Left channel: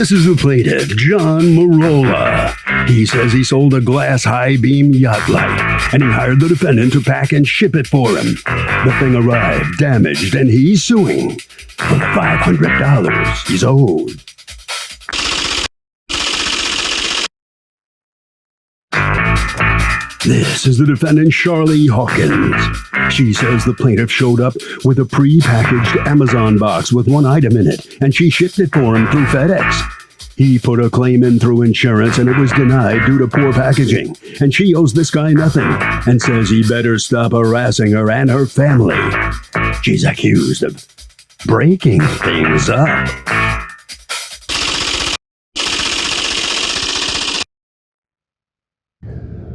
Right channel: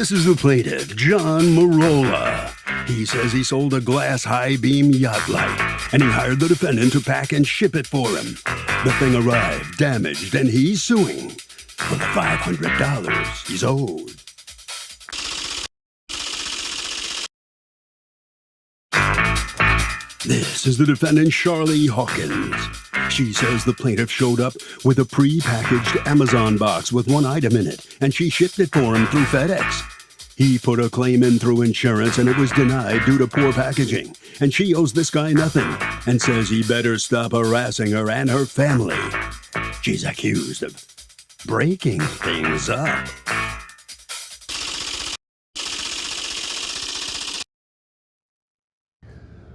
This is the plaintiff, John Marola. He says he sold a glass high-beam yacht light, and he hired the defendant to pack and ship it for him. The thing arrived damaged, and he's suing for the $500 he's owed. This is the defendant, Charlie Hawkins. She says the plaintiff showed up with a pre-packaged Amazon box with one item in it, and she shipped it for him through FedEx. He put a claim in through insurance, and it was denied due to poor packaging. And she owes this guy nothing, and says he better stop harassing her and her family. She's accused of breaking things up.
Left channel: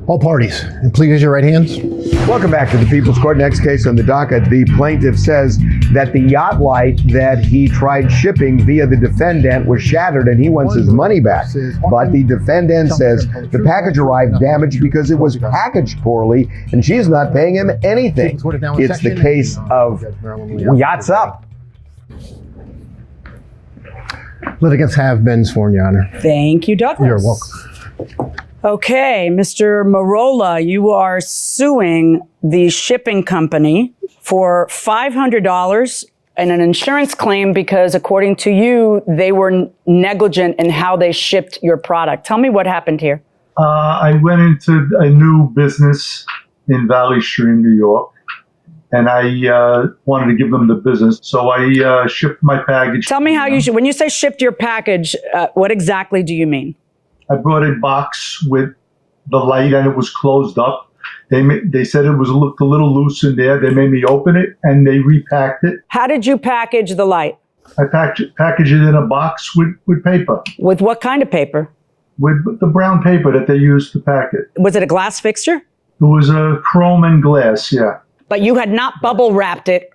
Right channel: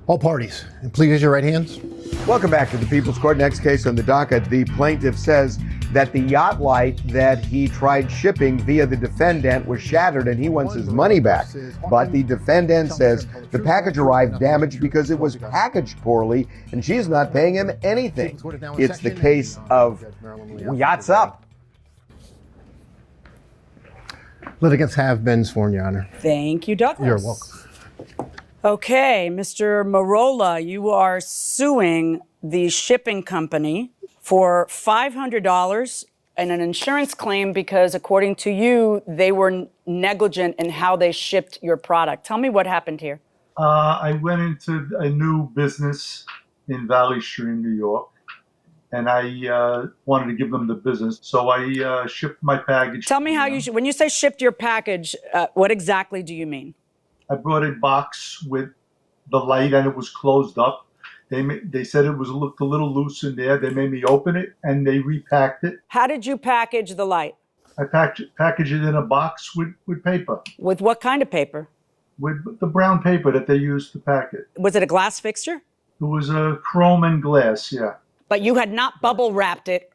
All parties, and please raise your right hands. Welcome back to the People's Court. Next case on the docket. The plaintiff says that the yacht light that he tried shipping via the defendant was shattered and he wants his money back. But the defendant says the package arrived damaged because it was packaged poorly and she's not paying him anything. It's the case of Yachts Up. Litigants have been sworn, Your Honor. Thank you, Douglas. You're welcome. Okay, Mr. Marola, you are suing the shipping company for $500 and an insurance claim because, according to you, they were negligent in how they shipped your product. Tell me what happened here. I went into a new business in Valley Stream, New York, and I wanted to give them the business. So I shipped my package. Tell me how you should, when you say shipped your package, what exactly do you mean? I brought a box with the light and it was closed up. They said it looked a little loose in there. They made me open it and they repacked it. How did you package the light? I packaged it in a box with paper. With what kind of paper? With the brown paper that they used to pack it. Was it a glass fixture? It was a chrome and glass, yeah. But you had not bubble wrapped it,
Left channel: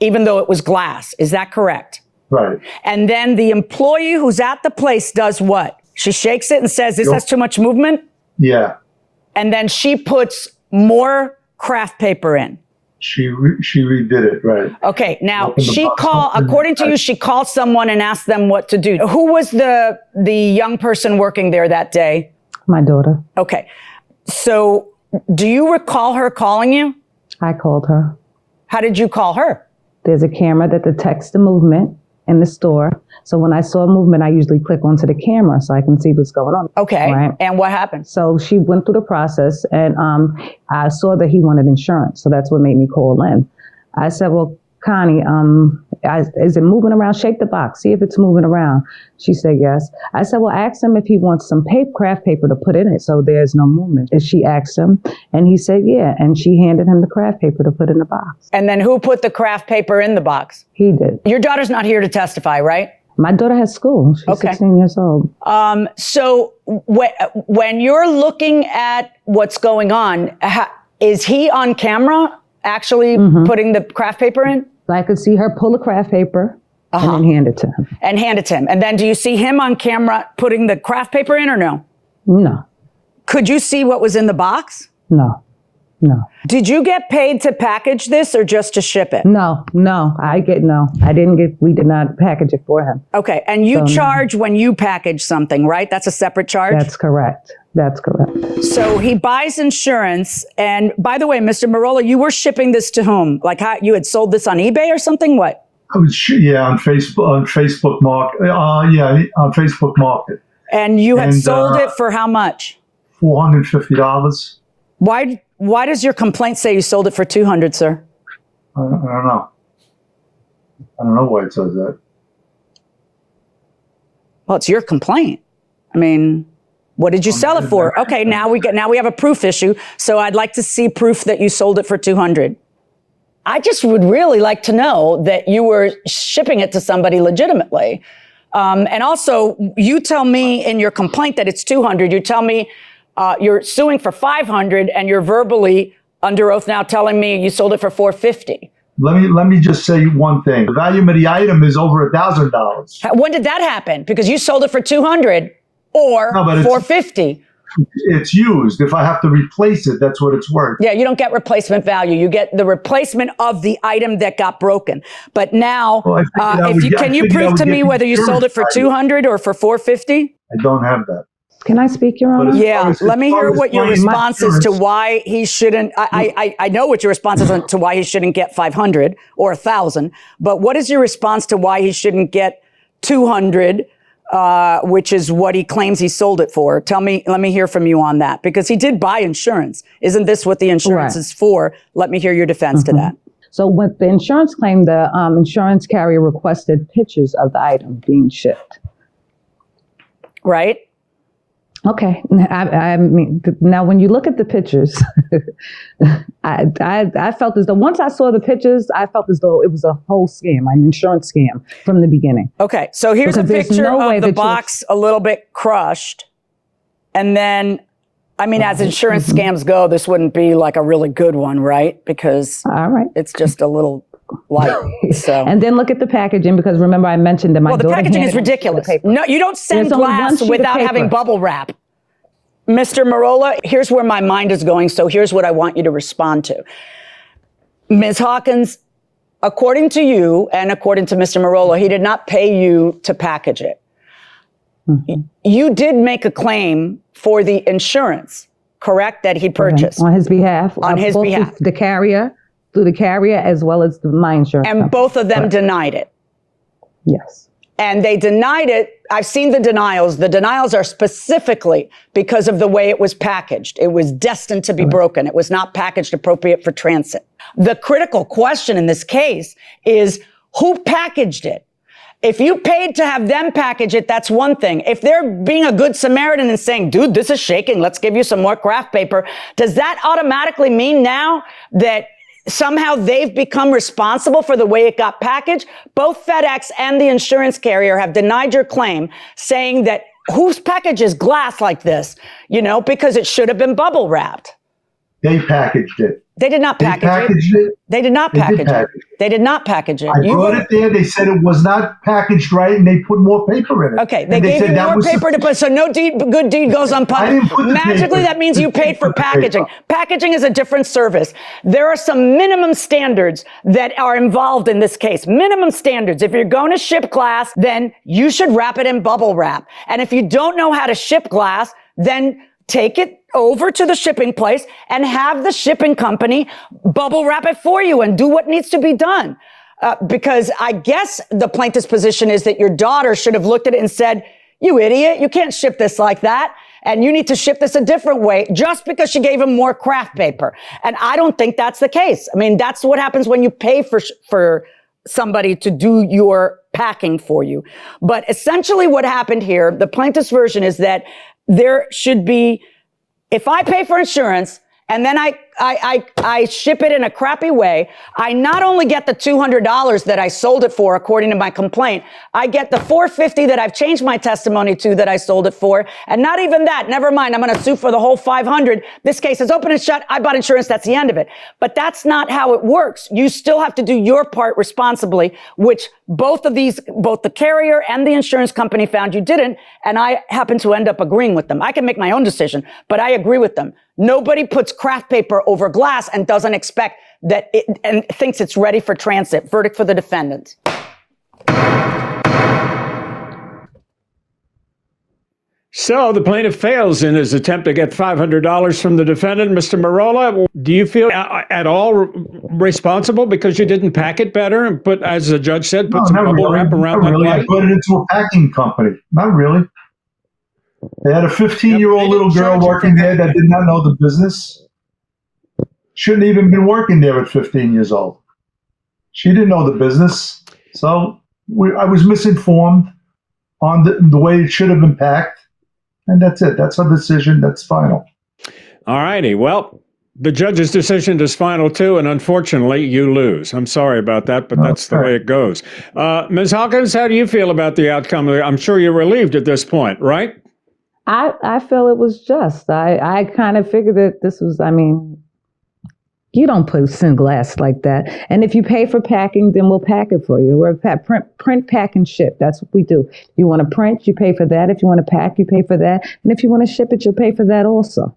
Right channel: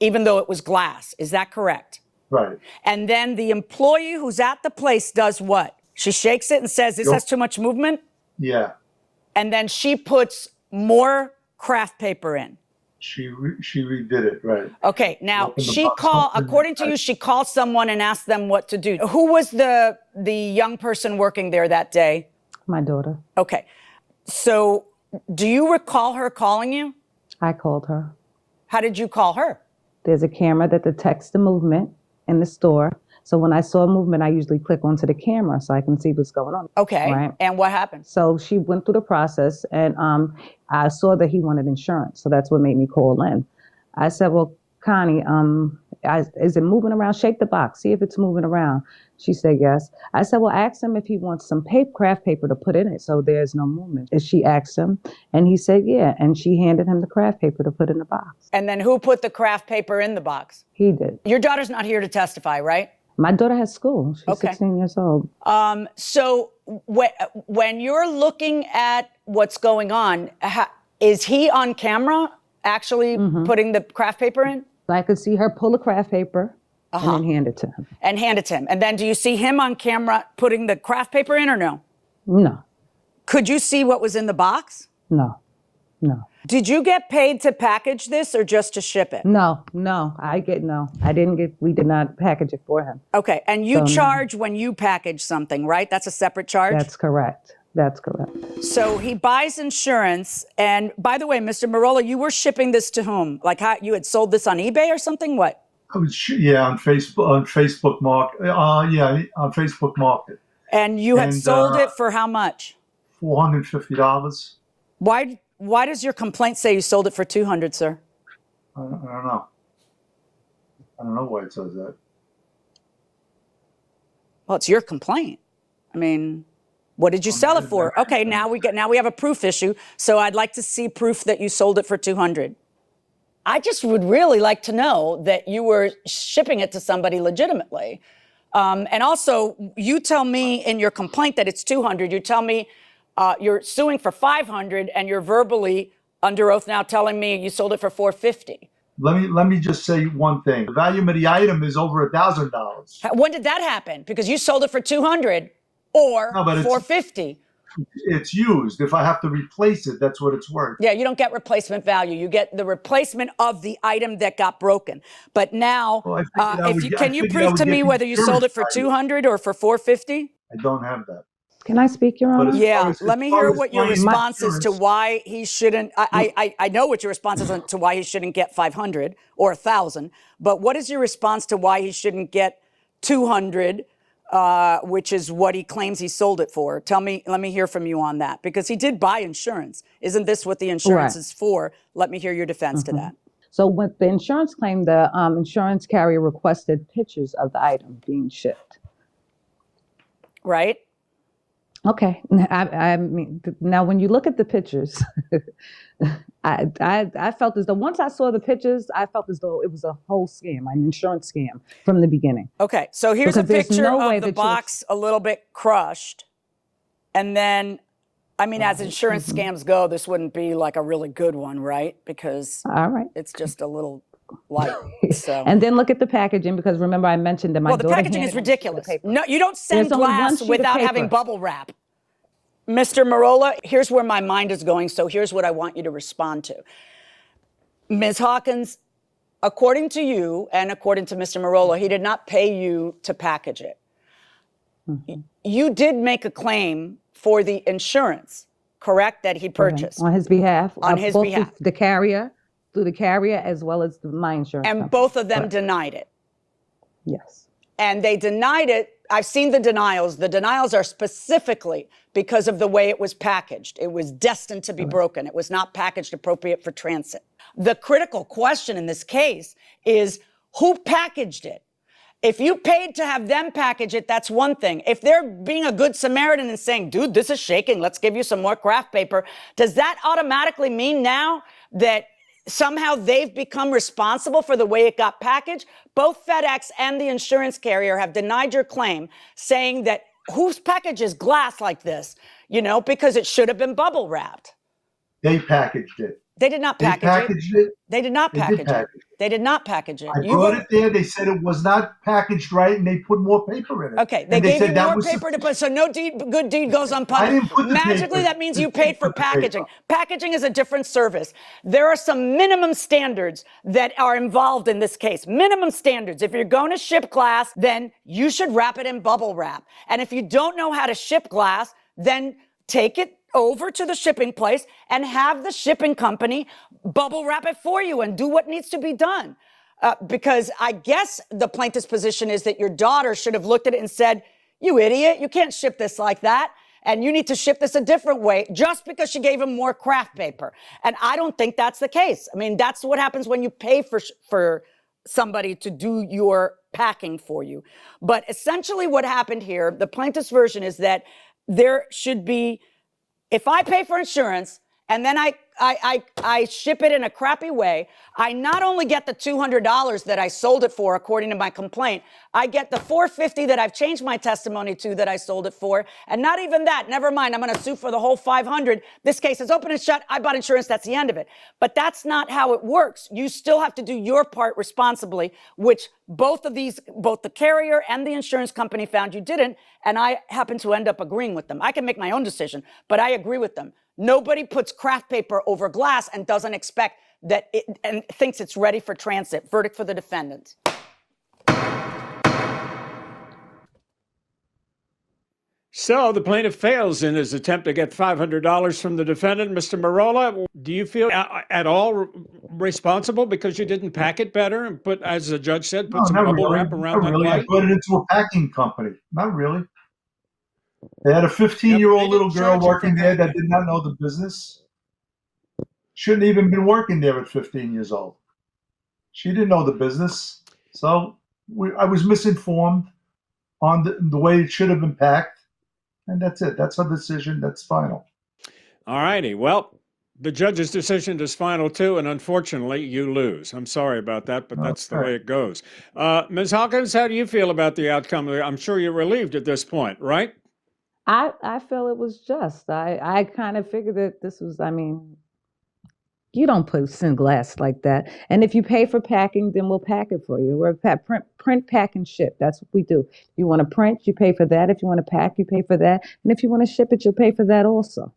even though it was glass. Is that correct? Right. And then the employee who's at the place does what? She shakes it and says, this has too much movement? Yeah. And then she puts more craft paper in. She redid it, right. Okay, now according to you, she called someone and asked them what to do. Who was the young person working there that day? My daughter. Okay, so do you recall her calling you? I called her. How did you call her? There's a camera that detects the movement in the store. So when I saw movement, I usually click onto the camera so I can see what's going on. Okay, right? And what happened? So she went through the process and I saw that he wanted insurance. So that's what made me call in. I said, well, Connie, is it moving around? Shake the box, see if it's moving around. She said yes. I said, well, ask him if he wants some craft paper to put in it so there's no movement. And she asked him and he said yeah. And she handed him the craft paper to put in the box. And then who put the craft paper in the box? He did. Your daughter's not here to testify, right? My daughter has school. She's 16 years old. So when you're looking at what's going on, is he on camera actually putting the craft paper in? I could see her pull the craft paper and then hand it to him. And then do you see him on camera putting the craft paper in or no? No. Could you see what was in the box? No. Did you get paid to package this or just to ship it? No. I didn't get, we did not package it for him. Okay. And you charge when you package something, right? That's a separate charge? That's correct. So he buys insurance. And by the way, Mr. Marola, you were shipping this to whom? Like how you had sold this on eBay or something? What? I was, on Facebook Market. On Facebook Market. And you had sold it for how much? $450. Why does your complaint say you sold it for $200, sir? I don't know. I don't know why it says that. Well, it's your complaint. I mean, what did you sell it for? Okay, now we have a proof issue. So I'd like to see proof that you sold it for $200. I just would really like to know that you were shipping it to somebody legitimately. And also, you tell me in your complaint that it's $200. You tell me you're suing for $500, and you're verbally under oath now telling me you sold it for $450. Let me just say one thing. The value of the item is over $1,000. When did that happen? Because you sold it for $200 or $450. it's used. If I have to replace it, that's what it's worth. Yeah, you don't get replacement value. You get the replacement of the item that got broken. But now, Well, can you prove to me whether you sold it for 200 or for 450? I don't have that. Can I speak, Your Honor? But Yeah, let me hear what your claim response is to insurance- why he shouldn't. I know what your response is to why he shouldn't get 500 or 1,000. But what is your response to why he shouldn't get 200? Which is what he claims he sold it for. Let me hear from you on that, because he did buy insurance. Isn't this what the insurance Right. is for? Let me hear your defense to that. So with the insurance claim, the insurance carrier requested pictures of the item being shipped. Right? Okay. I mean, now when you look at the pictures, I felt as though once I saw the pictures, I felt as though it was a whole scam, an insurance scam from the beginning. Okay. So here's a Because there's picture no way of the that you- box a little bit crushed. And then, I mean, as insurance scams go, this wouldn't be like a really good one, right? Because All right. it's just a little light. So. And then look at the packaging, because remember I mentioned that my Well, the daughter packaging is handed me the ridiculous. paper. No, you don't send There's only one glass sheet of without having paper. bubble wrap. Mr. Marola, here's where my mind is going, so here's what I want you to respond to. Ms. Hawkins, according to you and according to Mr. Marola, he did not pay you to package it. You did make a claim for the insurance, correct, that he purchased. On his behalf. On his both behalf. The carrier, through the carrier, as well as my insurance And company. both of them denied it. Yes. And they denied it. I've seen the denials. The denials are specifically because of the way it was packaged. It was destined to be broken. It was not packaged appropriate for transit. The critical question in this case is who packaged it? If you paid to have them package it, that's one thing. If they're being a good Samaritan and saying, dude, this is shaking, let's give you some more craft paper, does that automatically mean now that somehow they've become responsible for the way it got packaged? Both FedEx and the insurance carrier have denied your claim, saying that whose package is glass like this? Because it should have been bubble wrapped. They packaged it. They did not They package packaged it. They did not They did package it. package it. They did not package it. I brought it there. They said it was not packaged right, and they put more paper in it. Okay, they And gave said you that more was paper to put, so no good deed goes I didn't unpunished. put the Magically, paper. that means you You paid for put the packaging. paper. Packaging is a different service. There are some minimum standards that are involved in this case. Minimum standards. If you're going to ship glass, then you should wrap it in bubble wrap. And if you don't know how to ship glass, then take it over to the shipping place and have the shipping company bubble wrap it for you and do what needs to be done. Because I guess the plaintiff's position is that your daughter should have looked at it and said, you idiot, you can't ship this like that. And you need to ship this a different way just because she gave him more craft paper. And I don't think that's the case. I mean, that's what happens when you pay for somebody to do your packing for you. But essentially what happened here, the plaintiff's version is that there should be, if I pay for insurance and then I ship it in a crappy way, I not only get the $200 that I sold it for, according to my complaint, I get the $450 that I've changed my testimony to that I sold it for. And not even that, never mind, I'm going to sue for the whole $500. This case is open and shut. I bought insurance. That's the end of it. But that's not how it works. You still have to do your part responsibly, which both the carrier and the insurance company found you didn't. And I happen to end up agreeing with them. I can make my own decision, but I agree with them. Nobody puts craft paper over glass and doesn't expect that and thinks it's ready for transit. Verdict for the defendant. So the plaintiff fails in his attempt to get $500 from the defendant. Mr. Marola, do you feel at all responsible because you didn't pack it better and put, as the judge said, put some bubble wrap around Not really. that I light? put it into a packing company. Not really. They had a 15-year-old Yep, they little didn't girl charge you working for there that packing. did not know the business. Shouldn't even been working there at 15 years old. She didn't know the business. So I was misinformed on the way it should have been packed. And that's it. That's our decision. That's final. All righty. Well, the judge's decision is final too, and unfortunately, you lose. I'm sorry about that, but that's the way it goes. Ms. Hawkins, how do you feel about the outcome? I'm sure you're relieved at this point, right? I feel it was just. I kind of figured that this was, You don't send glass like that. And if you pay for packing, then we'll pack it for you. We're a print, pack, and ship. That's what we do. If you want to print, you pay for that. If you want to pack, you pay for that. And if you want to ship it, you'll pay for that also.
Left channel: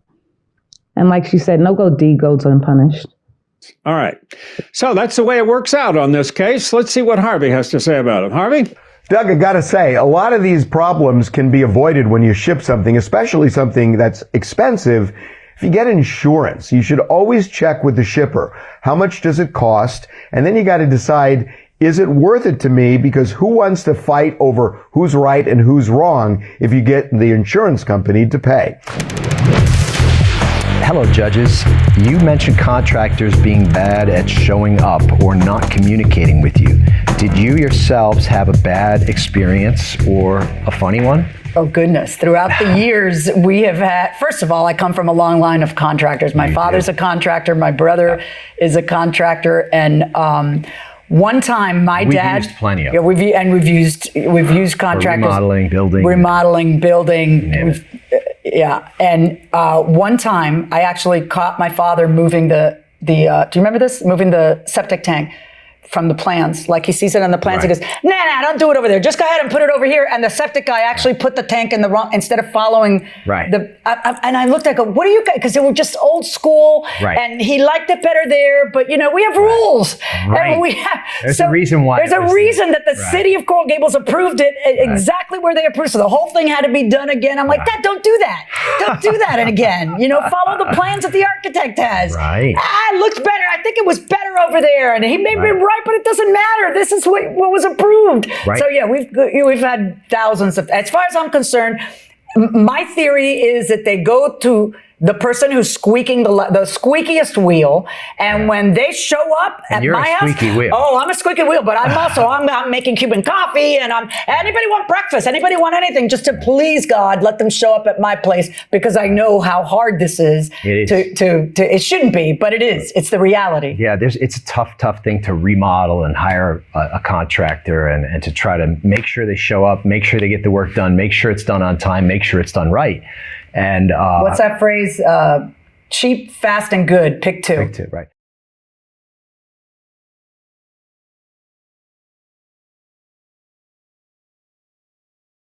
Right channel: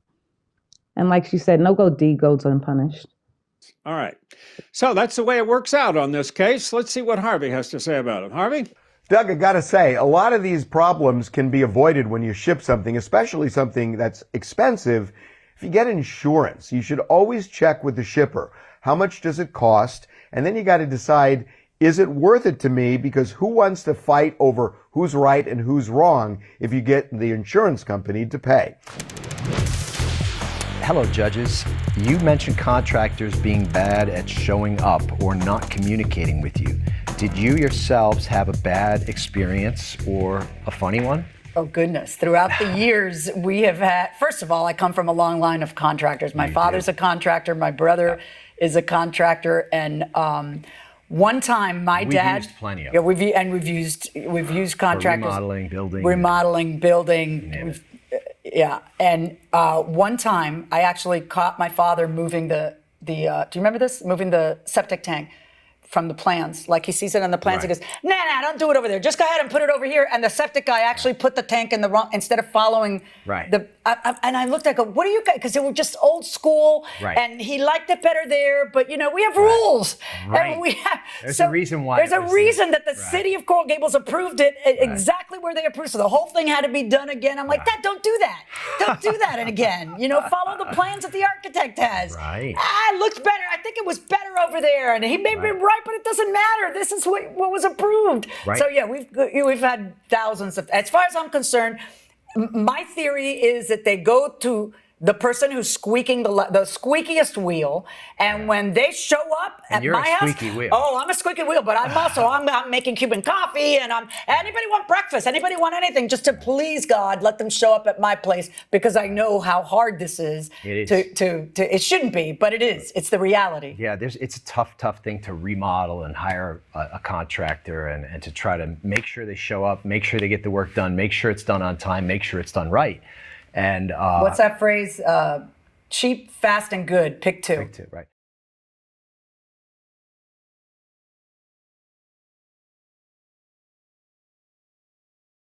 And like she said, no deed goes unpunished. All right. So that's the way it works out on this case. Let's see what Harvey has to say about it. Harvey? Doug, I gotta say, a lot of these problems can be avoided when you ship something, especially something that's expensive. If you get insurance, you should always check with the shipper. How much does it cost? And then you got to decide, is it worth it to me? Because who wants to fight over who's right and who's wrong if you get the insurance company to pay? Hello, judges. You mentioned contractors being bad at showing up or not communicating with you. Did you yourselves have a bad experience or a funny one? Oh, goodness. Throughout the years, we have had, first of all, I come from a long line of contractors. My father's a contractor. My brother is a contractor. And one time, my dad. We've used plenty of them. Yeah, we've used contractors. Remodeling, building. Yeah. And one time, I actually caught my father moving do you remember this? Moving the septic tank from the plans. Like he sees it on the plans. Right. He goes, nah, don't do it over there. Just go ahead and put it over here. And the septic guy actually put the tank in the wrong, instead of following and I looked, I go, what are you guys? Because they were just old school. Right. And he liked it better there. But we have rules. Right. And we have, there's a reason why. There's a reason that the city of Coral Gables approved it exactly where they approved. So the whole thing had to be done again. I'm like, Dad, don't do that. Don't do that again. Follow the plans that the architect has. Right. It looks better. I think it was better over there. And he may be right, but it doesn't matter. This is what was approved. Right. So yeah, we've had thousands of. As far as I'm concerned, my theory is that they go to the person who's squeaking the squeakiest wheel, and when they show up at my house, wheel. Oh, I'm a squeaky wheel, but I'm making Cuban coffee, and anybody want breakfast? Anybody want anything? Just to please God, let them show up at my place, because I know how hard this is. It is. It shouldn't be, but it is. It's the reality. Yeah, it's a tough thing to remodel and hire a contractor and to try to make sure they show up, make sure they get the work done, make sure it's done on time, make sure it's done right. And what's that phrase? Cheap, fast, and good. Pick two. Right.